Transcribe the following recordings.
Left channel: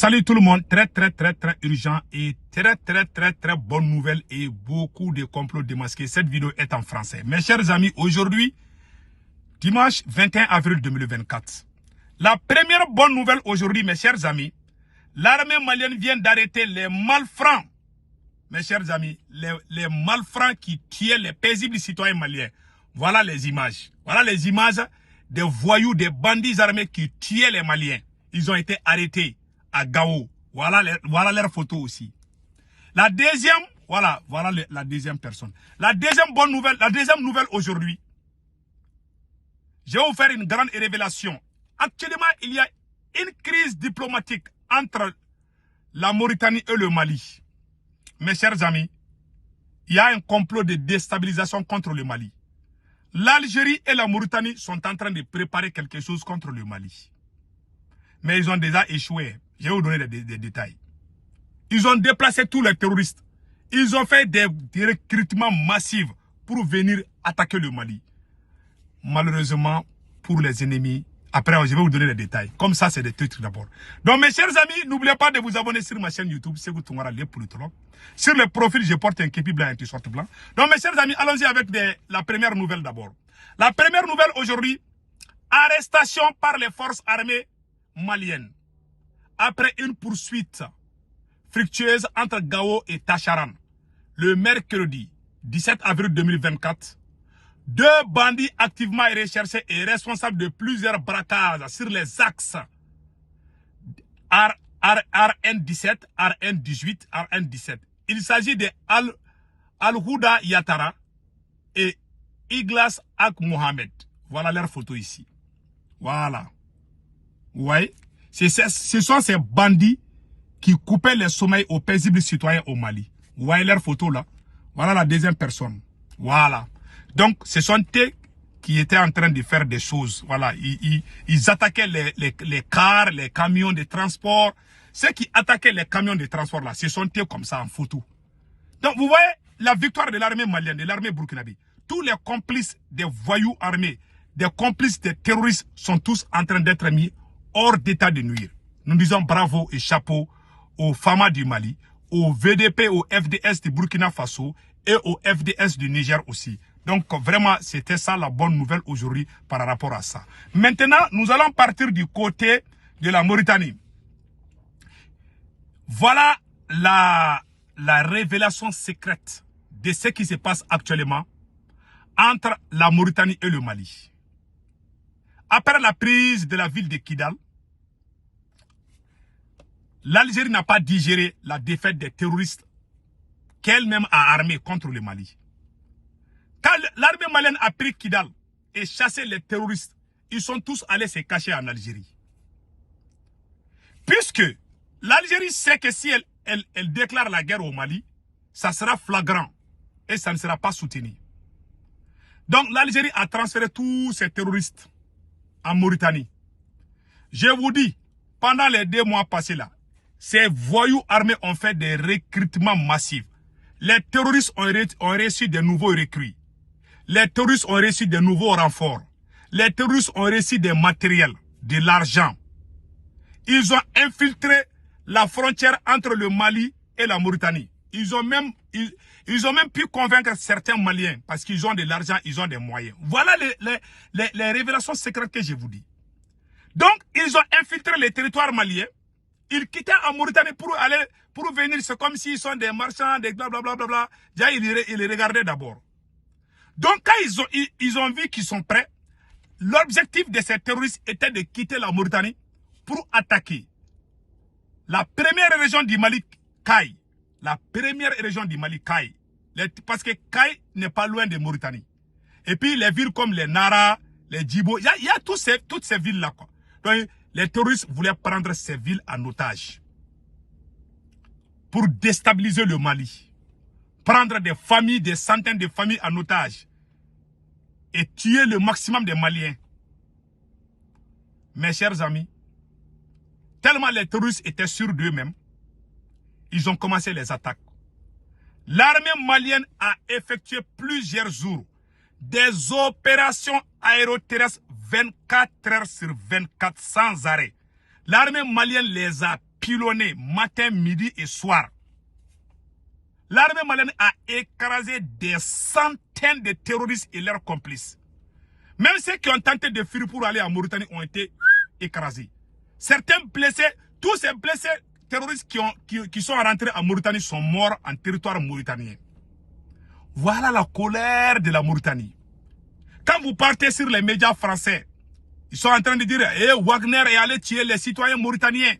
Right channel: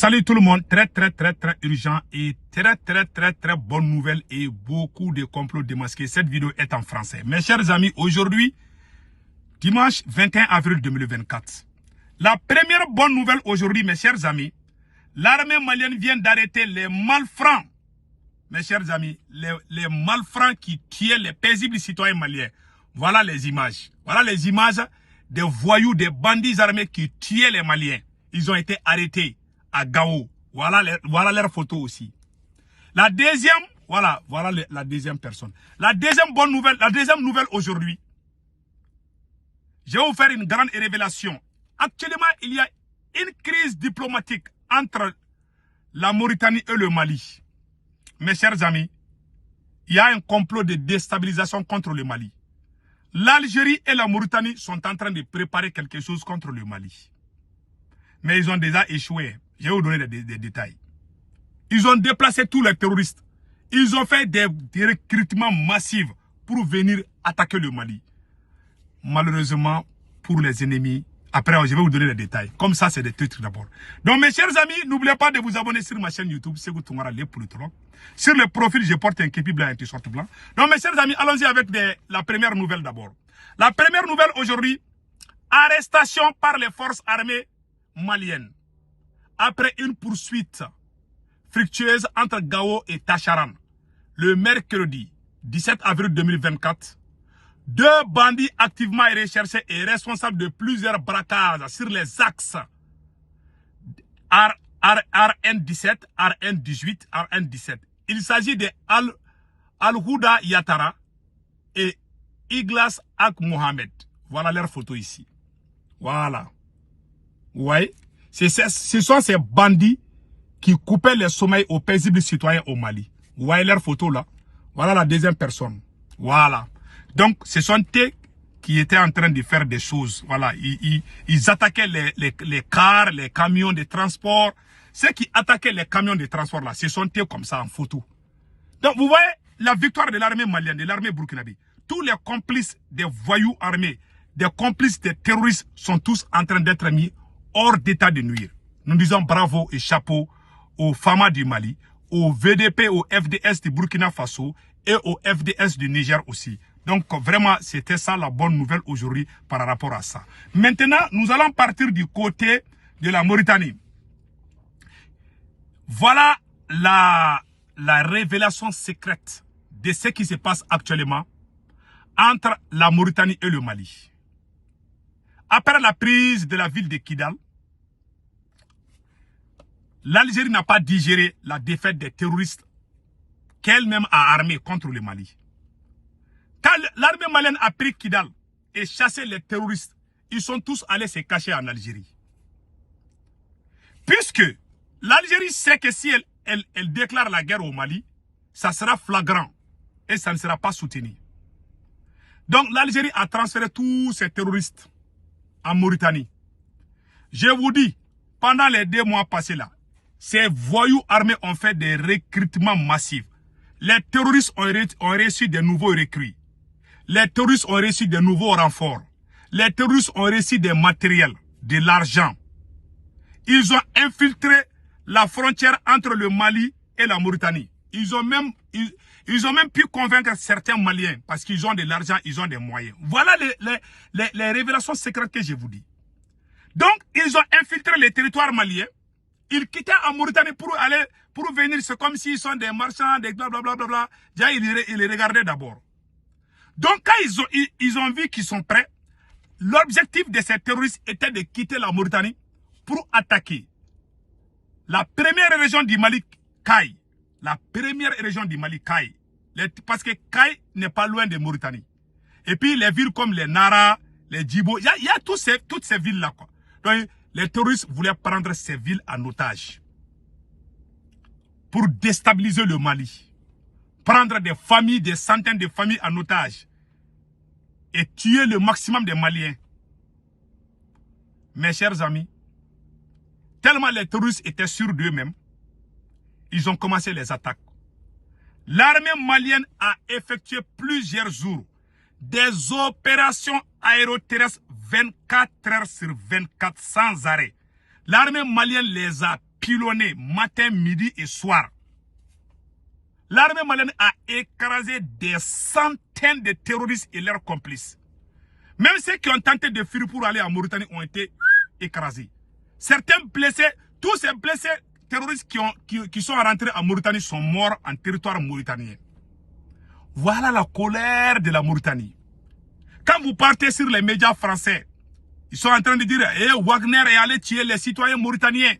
Salut tout le monde, très urgent et très bonne nouvelle et beaucoup de complots démasqués. Cette vidéo est en français. Mes chers amis, aujourd'hui, dimanche 21 avril 2024. La première bonne nouvelle aujourd'hui, mes chers amis, l'armée malienne vient d'arrêter les malfrats. Mes chers amis, les malfrats qui tuaient les paisibles citoyens maliens. Voilà les images. Voilà les images des voyous, des bandits armés qui tuaient les Maliens. Ils ont été arrêtés à Gao. Voilà leur photo aussi. La deuxième, voilà la deuxième personne. La deuxième bonne nouvelle, la deuxième nouvelle aujourd'hui. Je vais vous faire une grande révélation. Actuellement, il y a une crise diplomatique entre la Mauritanie et le Mali. Mes chers amis, il y a un complot de déstabilisation contre le Mali. L'Algérie et la Mauritanie sont en train de préparer quelque chose contre le Mali. Mais ils ont déjà échoué. Je vais vous donner des détails. Ils ont déplacé tous les terroristes. Ils ont fait des recrutements massifs pour venir attaquer le Mali. Malheureusement, pour les ennemis, après je vais vous donner les détails. Comme ça, c'est des trucs d'abord. Donc mes chers amis, n'oubliez pas de vous abonner sur ma chaîne YouTube, Ségou Tounkara, les politologues. Sur le profil, je porte un képi blanc et un t-shirt blanc. Donc mes chers amis, allons-y avec la première nouvelle d'abord. La première nouvelle aujourd'hui, arrestation par les forces armées maliennes. Après une poursuite fructueuse entre Gao et Tacharan, le mercredi 17 avril 2024, deux bandits activement recherchés et responsables de plusieurs braquages sur les axes RN17, RN18, RN17. Il s'agit de Al-Houda Yatara et Iglas Ak Mohamed. Voilà leur photo ici. Voilà. Ouais. Ce sont ces bandits qui coupaient les sommeils aux paisibles citoyens au Mali. Vous voyez leur photo là. Voilà la deuxième personne. Voilà. Donc, ce sont eux qui étaient en train de faire des choses. Voilà. Ils attaquaient les cars, les camions de transport. Ceux qui attaquaient les camions de transport là, ce sont eux comme ça en photo. Donc, vous voyez la victoire de l'armée malienne, de l'armée burkinabé. Tous les complices des voyous armés, des complices des terroristes sont tous en train d'être mis hors d'état de nuire. Nous disons bravo et chapeau aux FAMA du Mali, au VDP, au FDS du Burkina Faso et au FDS du Niger aussi. Donc vraiment, c'était ça la bonne nouvelle aujourd'hui par rapport à ça. Maintenant, nous allons partir du côté de la Mauritanie. Voilà la révélation secrète de ce qui se passe actuellement entre la Mauritanie et le Mali. Après la prise de la ville de Kidal, l'Algérie n'a pas digéré la défaite des terroristes qu'elle-même a armés contre le Mali. Quand l'armée malienne a pris Kidal et chassé les terroristes, ils sont tous allés se cacher en Algérie. Puisque l'Algérie sait que si elle déclare la guerre au Mali, ça sera flagrant et ça ne sera pas soutenu. Donc l'Algérie a transféré tous ces terroristes en Mauritanie. Je vous dis, pendant les 2 mois passés là, ces voyous armés ont fait des recrutements massifs. Les terroristes ont reçu de nouveaux recrues. Les terroristes ont reçu de nouveaux renforts. Les terroristes ont reçu des matériels, de l'argent. Ils ont infiltré la frontière entre le Mali et la Mauritanie. Ils ont même pu convaincre certains Maliens parce qu'ils ont de l'argent, ils ont des moyens. Voilà les révélations secrètes que je vous dis. Donc, ils ont infiltré les territoires maliens. Ils quittaient en Mauritanie pour venir. C'est comme s'ils sont des marchands, des blablabla. Déjà, ils les regardaient d'abord. Donc, quand ils ont vu qu'ils sont prêts, l'objectif de ces terroristes était de quitter la Mauritanie pour attaquer la première région du Mali, Kay. La première région du Mali, Kay. Parce que Kay n'est pas loin de Mauritanie. Et puis, les villes comme les Nara, les Djibo, il y a toutes ces villes-là, quoi. Donc, les terroristes voulaient prendre ces villes en otage pour déstabiliser le Mali. Prendre des familles, des centaines de familles en otage et tuer le maximum des Maliens. Mes chers amis, tellement les terroristes étaient sûrs d'eux-mêmes, ils ont commencé les attaques. L'armée malienne a effectué plusieurs jours des opérations aéroterrestres 24 heures sur 24 sans arrêt. L'armée malienne les a pilonné matin, midi et soir. L'armée malienne a écrasé des centaines de terroristes et leurs complices. Même ceux qui ont tenté de fuir pour aller en Mauritanie ont été écrasés. Certains blessés, tous ces blessés terroristes qui sont rentrés en Mauritanie sont morts en territoire mauritanien. Voilà la colère de la Mauritanie. Quand vous partez sur les médias français, ils sont en train de dire Wagner est allé tuer les citoyens mauritaniens.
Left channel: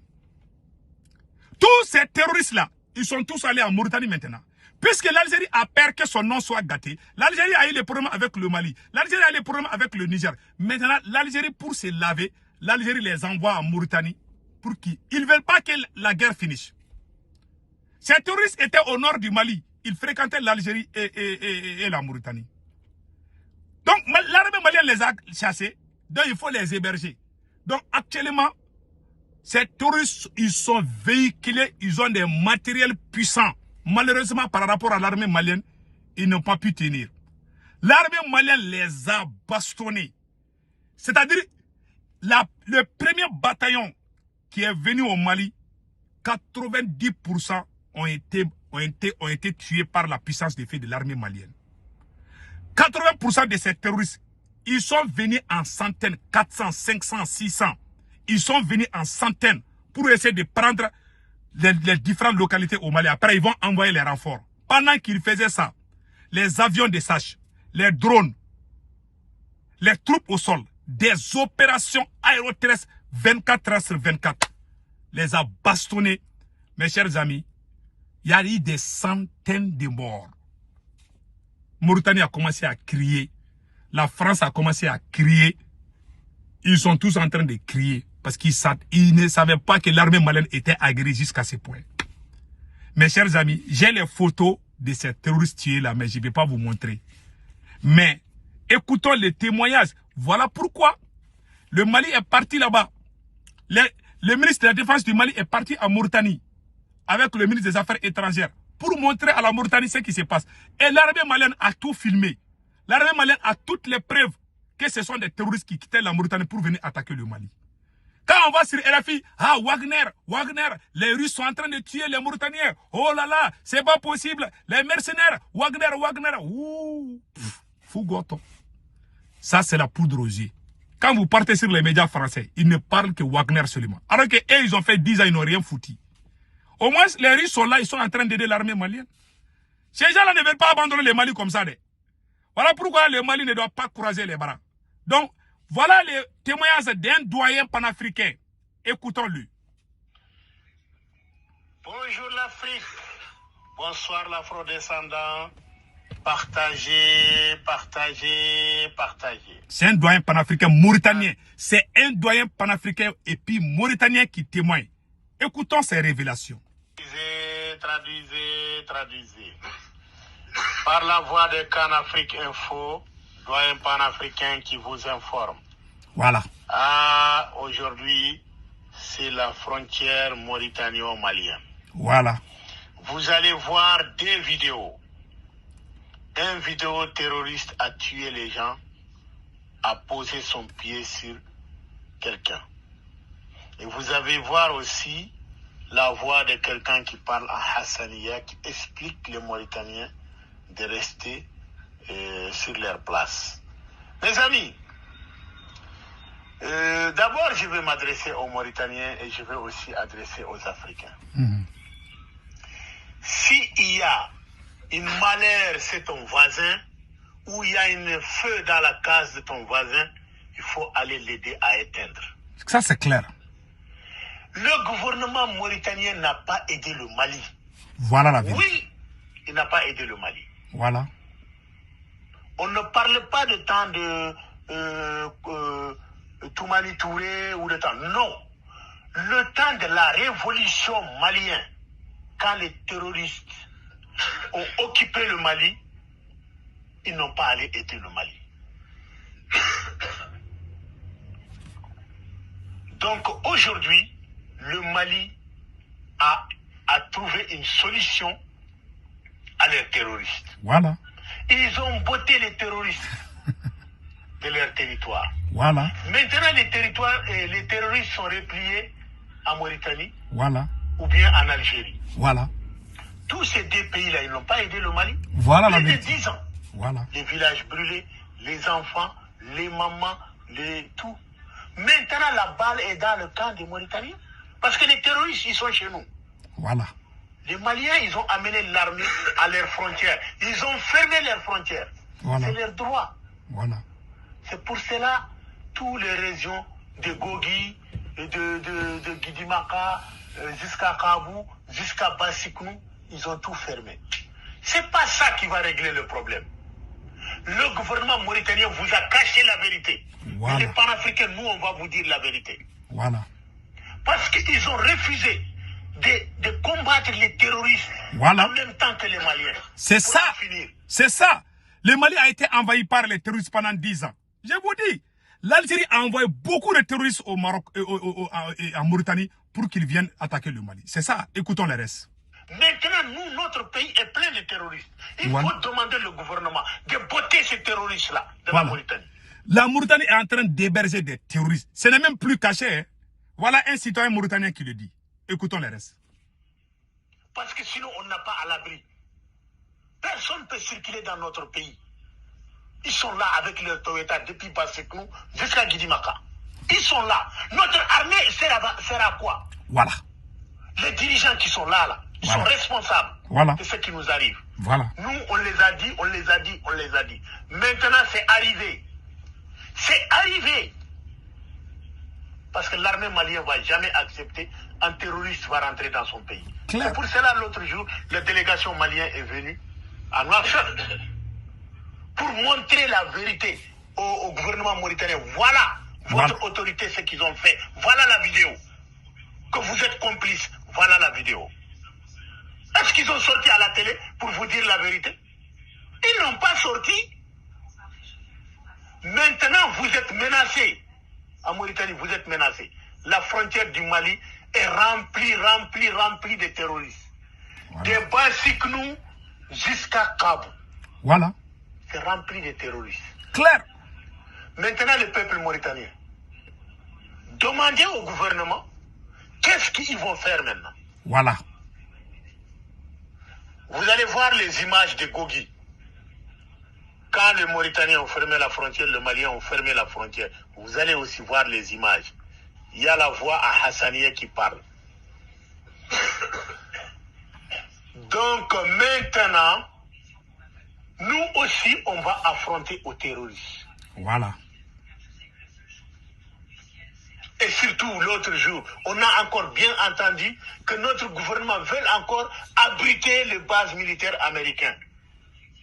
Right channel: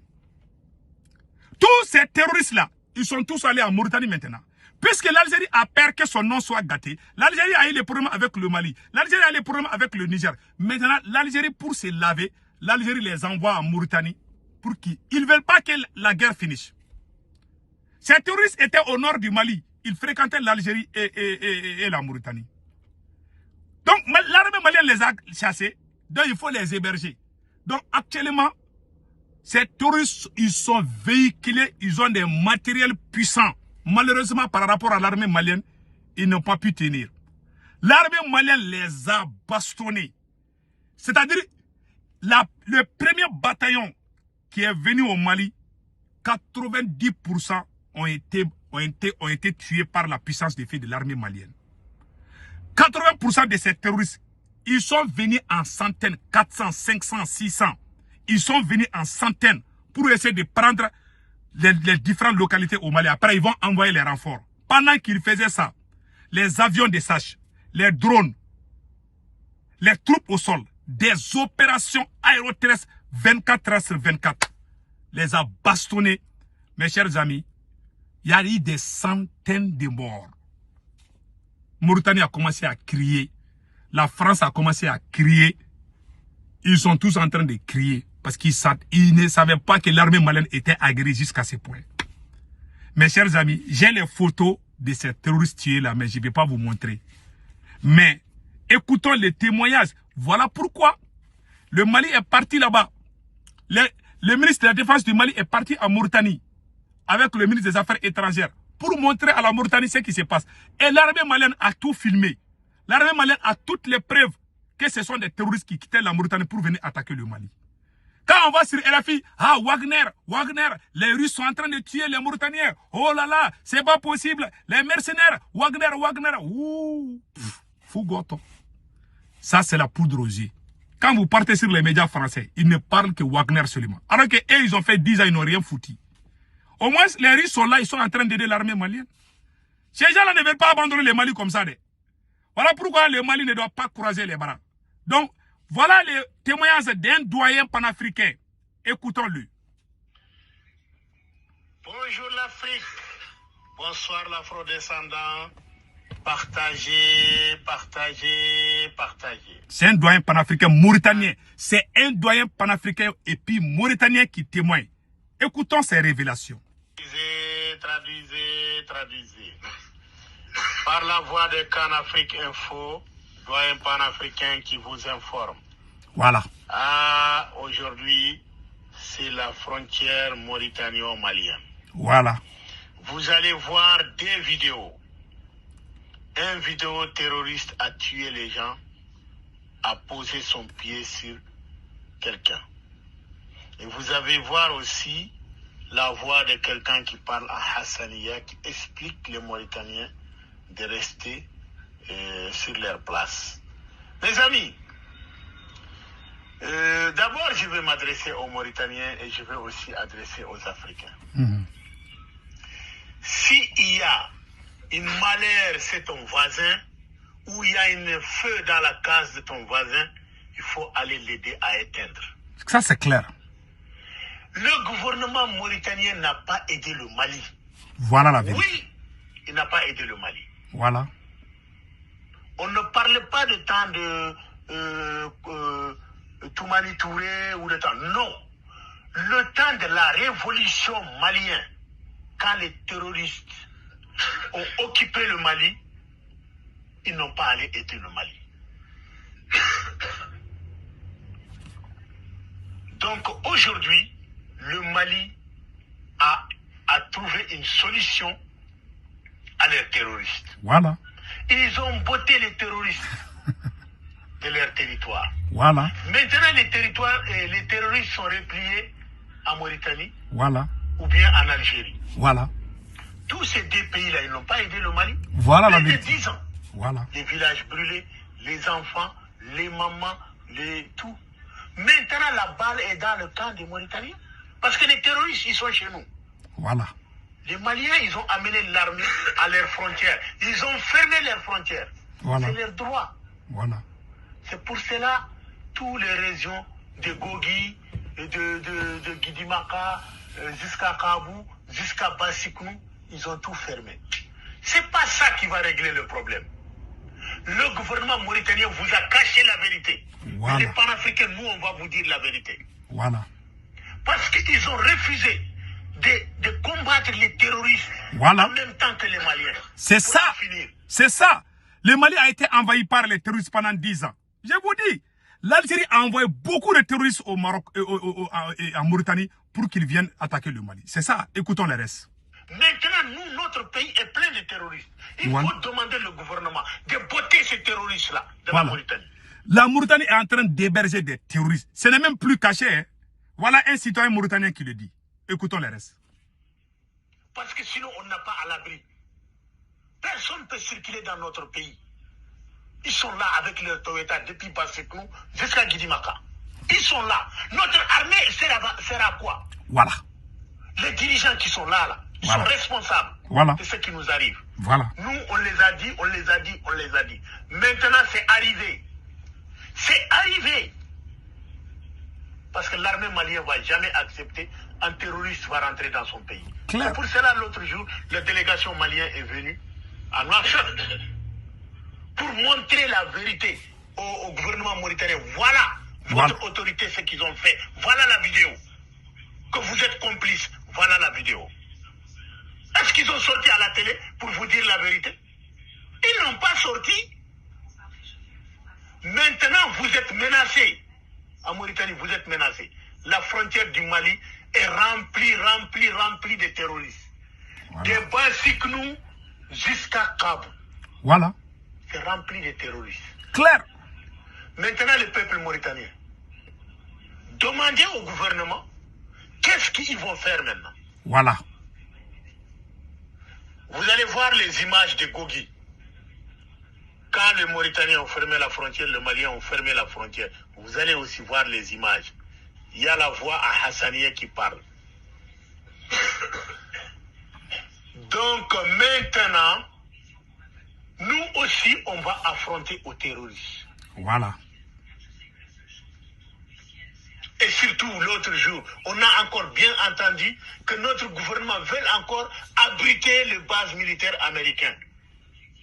Tous ces terroristes-là, ils sont tous allés en Mauritanie maintenant. Puisque l'Algérie a peur que son nom soit gâté, l'Algérie a eu des problèmes avec le Mali, l'Algérie a eu des problèmes avec le Niger. Maintenant, l'Algérie, pour se laver, l'Algérie les envoie en Mauritanie pour qu'ils ne veulent pas que la guerre finisse. Ces terroristes étaient au nord du Mali. Ils fréquentaient l'Algérie et la Mauritanie. Donc, l'armée malienne les a chassés, donc il faut les héberger. Donc, actuellement, ces terroristes, ils sont véhiculés, ils ont des matériels puissants. Malheureusement, par rapport à l'armée malienne, ils n'ont pas pu tenir. L'armée malienne les a bastonnés. C'est-à-dire, le premier bataillon qui est venu au Mali, 90% ont été tués par la puissance de feu de l'armée malienne. 80% de ces terroristes, ils sont venus en centaines, 400, 500, 600. Ils sont venus en centaines pour essayer de prendre les différentes localités au Mali. Après, ils vont envoyer les renforts. Pendant qu'ils faisaient ça, les avions de SACH, les drones, les troupes au sol, des opérations aéroterrestres 24 heures sur 24, les a bastonnés. Mes chers amis, il y a eu des centaines de morts. Mauritanie a commencé à crier. La France a commencé à crier. Ils sont tous en train de crier parce qu'ils ne savaient pas que l'armée malienne était aguerrie jusqu'à ce point. Mes chers amis, j'ai les photos de ces terroristes tués là, mais je ne vais pas vous montrer. Mais écoutons les témoignages. Voilà pourquoi le Mali est parti là-bas. Le ministre de la Défense du Mali est parti en Mauritanie avec le ministre des Affaires étrangères pour montrer à la Mauritanie ce qui se passe. Et l'armée malienne a tout filmé. L'armée malienne a toutes les preuves que ce sont des terroristes qui quittaient la Mauritanie pour venir attaquer le Mali. Quand on va sur RFI, Wagner, les Russes sont en train de tuer les Mauritaniens. Oh là là, c'est pas possible. Les mercenaires, Wagner. Ouh, Fougoto. Ça, c'est la poudre aux yeux. Quand vous partez sur les médias français, ils ne parlent que Wagner seulement. Alors qu'eux, ils ont fait 10 ans, ils n'ont rien foutu. Au moins, les Russes sont là, ils sont en train d'aider l'armée malienne. Ces gens-là ne veulent pas abandonner le Mali comme ça. Voilà pourquoi le Mali ne doit pas croiser les bras. Donc, voilà les témoignages d'un doyen panafricain. Écoutons-le. Bonjour l'Afrique. Bonsoir l'afro-descendant. Partagez. C'est un doyen panafricain mauritanien. C'est un doyen panafricain et puis mauritanien qui témoigne. Écoutons ces révélations. Traduisez. Par la voix de Canafrique Info, doyen panafricain qui vous informe. Voilà. Aujourd'hui, c'est la frontière mauritano-malienne. Voilà. Vous allez voir deux vidéos. Un vidéo terroriste a tué les gens, a posé son pied sur quelqu'un. Et vous allez voir aussi la voix de quelqu'un qui parle à Hassaniya, qui explique les Mauritaniens de rester sur leur place. Mes amis, d'abord je vais m'adresser aux Mauritaniens et je vais aussi adresser aux Africains. S'il y a une malheur chez ton voisin, ou il y a un feu dans la case de ton voisin, il faut aller l'aider à éteindre. Ça c'est clair. Le gouvernement mauritanien n'a pas aidé le Mali. Voilà la vérité. Oui, il n'a pas aidé le Mali. Voilà. On ne parle pas de temps de Toumani Touré ou de temps. Non. Le temps de la révolution malienne, quand les terroristes ont occupé le Mali, ils n'ont pas allé aider le Mali. Donc aujourd'hui, le Mali a trouvé une solution à leurs terroristes. Voilà. Ils ont botté les terroristes de leur territoire. Voilà. Maintenant, les terroristes sont repliés en Mauritanie. Voilà. ou bien en Algérie. Voilà. Tous ces deux pays-là, ils n'ont pas aidé le Mali. Voilà la Plus de vérité. 10 ans. Voilà. Les villages brûlés, les enfants, les mamans, tout. Maintenant, la balle est dans le camp des Mauritaniens. Parce que les terroristes, ils sont chez nous. Voilà. Les Maliens, ils ont amené l'armée à leurs frontières. Ils ont fermé leurs frontières. Voilà. C'est leur droit. Voilà. C'est pour cela, toutes les régions de Gogi, de Guidimaka, jusqu'à Kabou, jusqu'à Bassiknou, ils ont tout fermé. C'est pas ça qui va régler le problème. Le gouvernement mauritanien vous a caché la vérité. Voilà. Mais les panafricains, nous, on va vous dire la vérité. Voilà. Parce qu'ils ont refusé de combattre les terroristes Voilà. en même temps que les Maliens. C'est Pour ça. en finir. C'est ça. Le Mali a été envahi par les terroristes pendant 10 ans. Je vous dis, l'Algérie a envoyé beaucoup de terroristes au Maroc et en Mauritanie pour qu'ils viennent attaquer le Mali. C'est ça. Écoutons le reste. Maintenant, nous, notre pays est plein de terroristes. Il Voilà. faut demander au gouvernement de botter ces terroristes-là de Voilà. la Mauritanie. La Mauritanie est en train d'héberger des terroristes. Ce n'est même plus caché. Hein. Voilà un citoyen mauritanien qui le dit. Écoutons le reste. Parce que sinon, on n'a pas à l'abri. Personne ne peut circuler dans notre pays. Ils sont là avec leur Toyota depuis Basseknou jusqu'à Guidimaka. Ils sont là. Notre armée sert à quoi? Voilà. Les dirigeants qui sont là, ils Voilà. sont responsables Voilà. de ce qui nous arrive. Voilà. Nous, on les a dit, on les a dit, on les a dit. Maintenant, c'est arrivé. C'est arrivé. Parce que l'armée malienne ne va jamais accepter un terroriste va rentrer dans son pays. Claire. C'est pour cela, l'autre jour, la délégation malienne est venue à Nouakchott pour montrer la vérité au gouvernement mauritanien. Voilà votre Voilà. autorité, ce qu'ils ont fait. Voilà la vidéo. Que vous êtes complice. Voilà la vidéo. Est-ce qu'ils ont sorti à la télé pour vous dire la vérité? Ils n'ont pas sorti. Maintenant, vous êtes menacés. En Mauritanie, vous êtes menacés. La frontière du Mali est remplie de terroristes. Voilà. De Bassiknou jusqu'à Kabou. Voilà. C'est rempli de terroristes. Claire. Maintenant, le peuple mauritanien, demandez au gouvernement qu'est-ce qu'ils vont faire maintenant. Voilà. Vous allez voir les images de Gogi. Quand les Mauritaniens ont fermé la frontière, les Maliens ont fermé la frontière. Vous allez aussi voir les images. Il y a la voix à Hassanieh qui parle. Donc maintenant, nous aussi, on va affronter aux terroristes. Voilà. Et surtout, l'autre jour, on a encore bien entendu que notre gouvernement veut encore abriter les bases militaires américaines.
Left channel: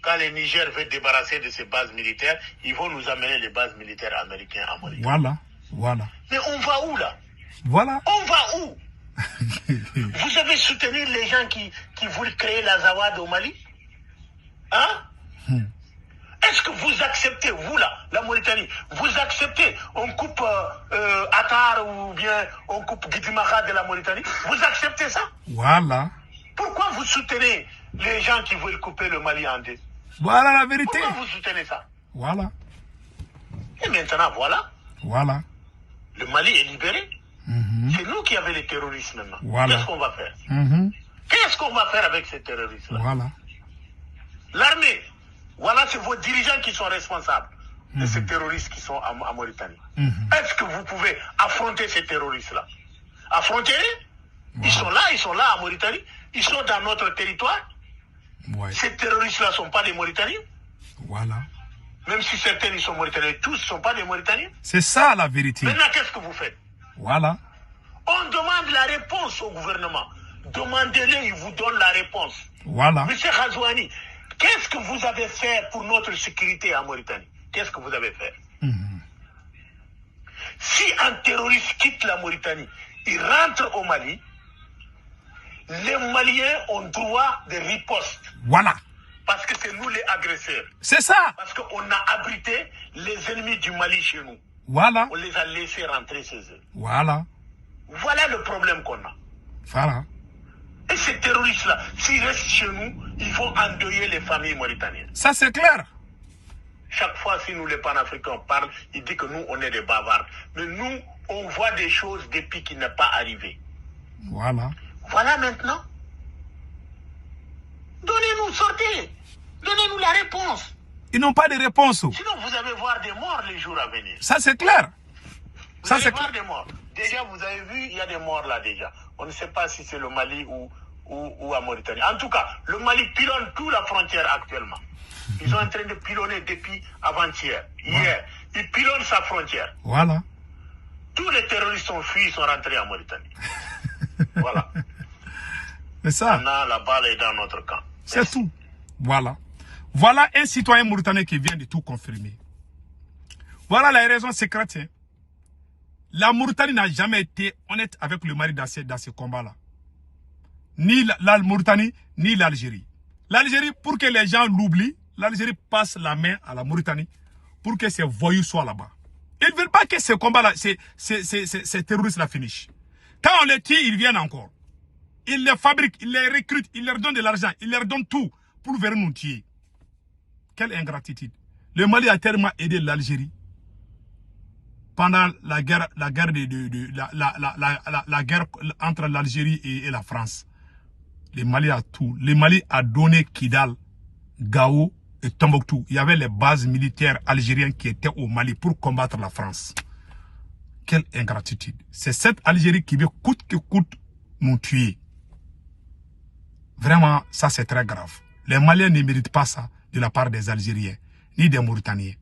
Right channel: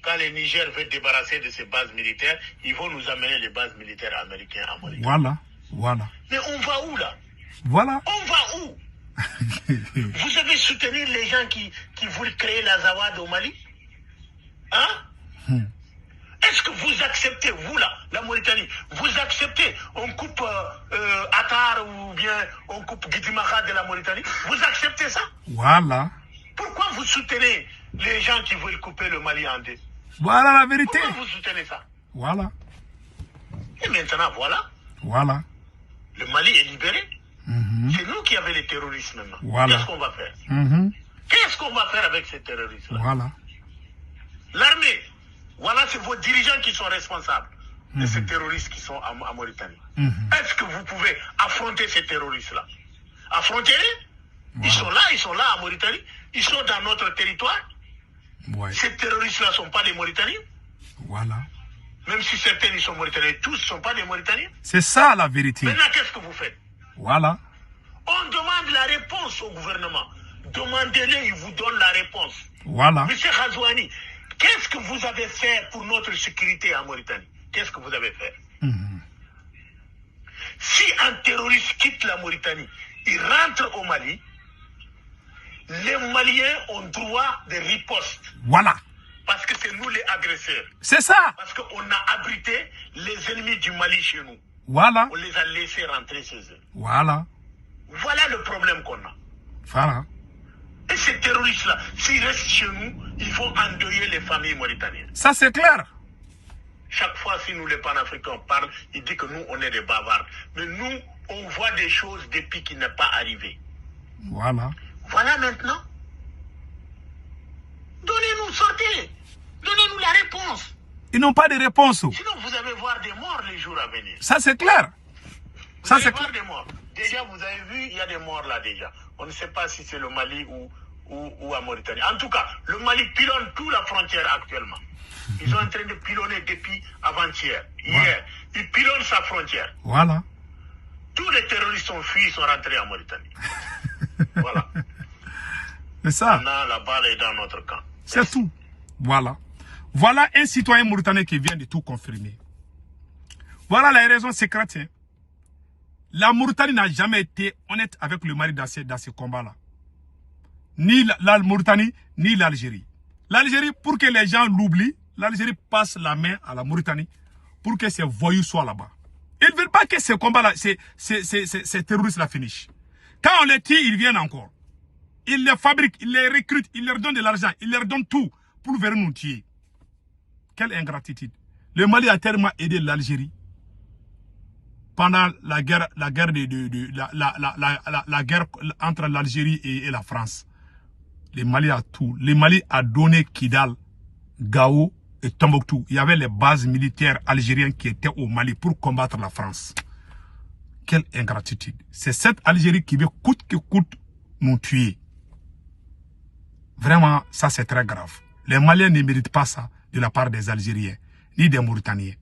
Quand le Niger veut débarrasser de ses bases militaires, ils vont nous amener les bases militaires américaines à Mauritanie. Voilà. Voilà. Mais on va où là? Voilà. On va où? Vous avez soutenu les gens qui voulaient créer la Zawad au Mali? Hein? Est-ce que vous acceptez, vous là, la Mauritanie, vous acceptez, on coupe Attar ou bien on coupe Guidimaka de la Mauritanie? Vous acceptez ça? Voilà. Pourquoi vous soutenez les gens qui veulent couper le Mali en deux? Voilà la vérité. Pourquoi vous soutenez ça? Voilà. Et maintenant, voilà, Voilà. le Mali est libéré. Mhm. C'est nous qui avons les terroristes maintenant. Voilà. Qu'est-ce qu'on va faire? Mhm. Qu'est-ce qu'on va faire avec ces terroristes-là? Voilà. L'armée, voilà, c'est vos dirigeants qui sont responsables de ces terroristes qui sont en Mauritanie. Mhm. Est-ce que vous pouvez affronter ces terroristes-là? Affrontez-les. Voilà. Ils sont là en Mauritanie. Ils sont dans notre territoire. Ouais. Ces terroristes-là ne sont pas des Mauritaniens. Voilà. Même si certains ils sont Mauritaniens, tous ne sont pas des Mauritaniens. C'est ça la vérité. Maintenant, qu'est-ce que vous faites? Voilà. On demande la réponse au gouvernement. Demandez-le, il vous donne la réponse. Voilà. Monsieur Khazouani, qu'est-ce que vous avez fait pour notre sécurité en Mauritanie? Qu'est-ce que vous avez fait? Mhm. Si un terroriste quitte la Mauritanie, il rentre au Mali, les Maliens ont droit de riposte. Voilà. Parce que c'est nous les agresseurs. C'est ça. Parce qu'on a abrité les ennemis du Mali chez nous. Voilà. On les a laissés rentrer chez eux. Voilà. Voilà le problème qu'on a. Voilà. Et ces terroristes-là, s'ils restent chez nous, ils vont endeuiller les familles mauritaniennes. Ça c'est clair. Chaque fois, si nous les panafricains parlent, ils disent que nous, on est des bavards. Mais nous, on voit des choses depuis qu'il n'est pas arrivé. Voilà. Voilà maintenant. Donnez-nous, sortez. Donnez-nous la réponse. Ils n'ont pas de réponse. Sinon, vous allez voir des morts les jours à venir. Ça, c'est clair. Vous allez voir des morts. Déjà, vous avez vu, il y a des morts là déjà. On ne sait pas si c'est le Mali ou à Mauritanie. En tout cas, le Mali pilonne toute la frontière actuellement. Ils sont en train de pilonner depuis avant-hier. Hier, ils pilonnent sa frontière. Voilà. Tous les terroristes sont fuis, sont rentrés en Mauritanie. Voilà. C'est ça. Maintenant, la balle est dans notre camp. C'est tout. Voilà. Voilà un citoyen mauritanien qui vient de tout confirmer. Voilà la raison secrète. Hein. La Mauritanie n'a jamais été honnête avec le Mali dans ce combat-là. Ni la Mauritanie, ni l'Algérie. L'Algérie, pour que les gens l'oublient, l'Algérie passe la main à la Mauritanie pour que ces voyous soient là-bas. Ils ne veulent pas que ce combat-là, ces terroristes-là finissent. Quand on les tue, ils viennent encore. Ils les fabriquent, ils les recrutent, ils leur donnent de l'argent, ils leur donnent tout pour venir nous tuer. Quelle ingratitude. Le Mali a tellement aidé l'Algérie pendant la guerre entre l'Algérie et la France. Le Mali a tout. Le Mali a donné Kidal, Gao et Tombouctou. Il y avait les bases militaires algériennes qui étaient au Mali pour combattre la France. Quelle ingratitude. C'est cette Algérie qui veut coûte que coûte nous tuer. Vraiment, ça c'est très grave. Les Maliens ne méritent pas ça de la part des Algériens, ni des Mauritaniens.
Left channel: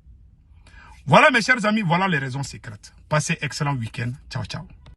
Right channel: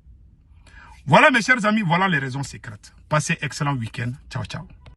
Voilà mes chers amis, voilà les raisons secrètes. Passez excellent week-end. Ciao, ciao.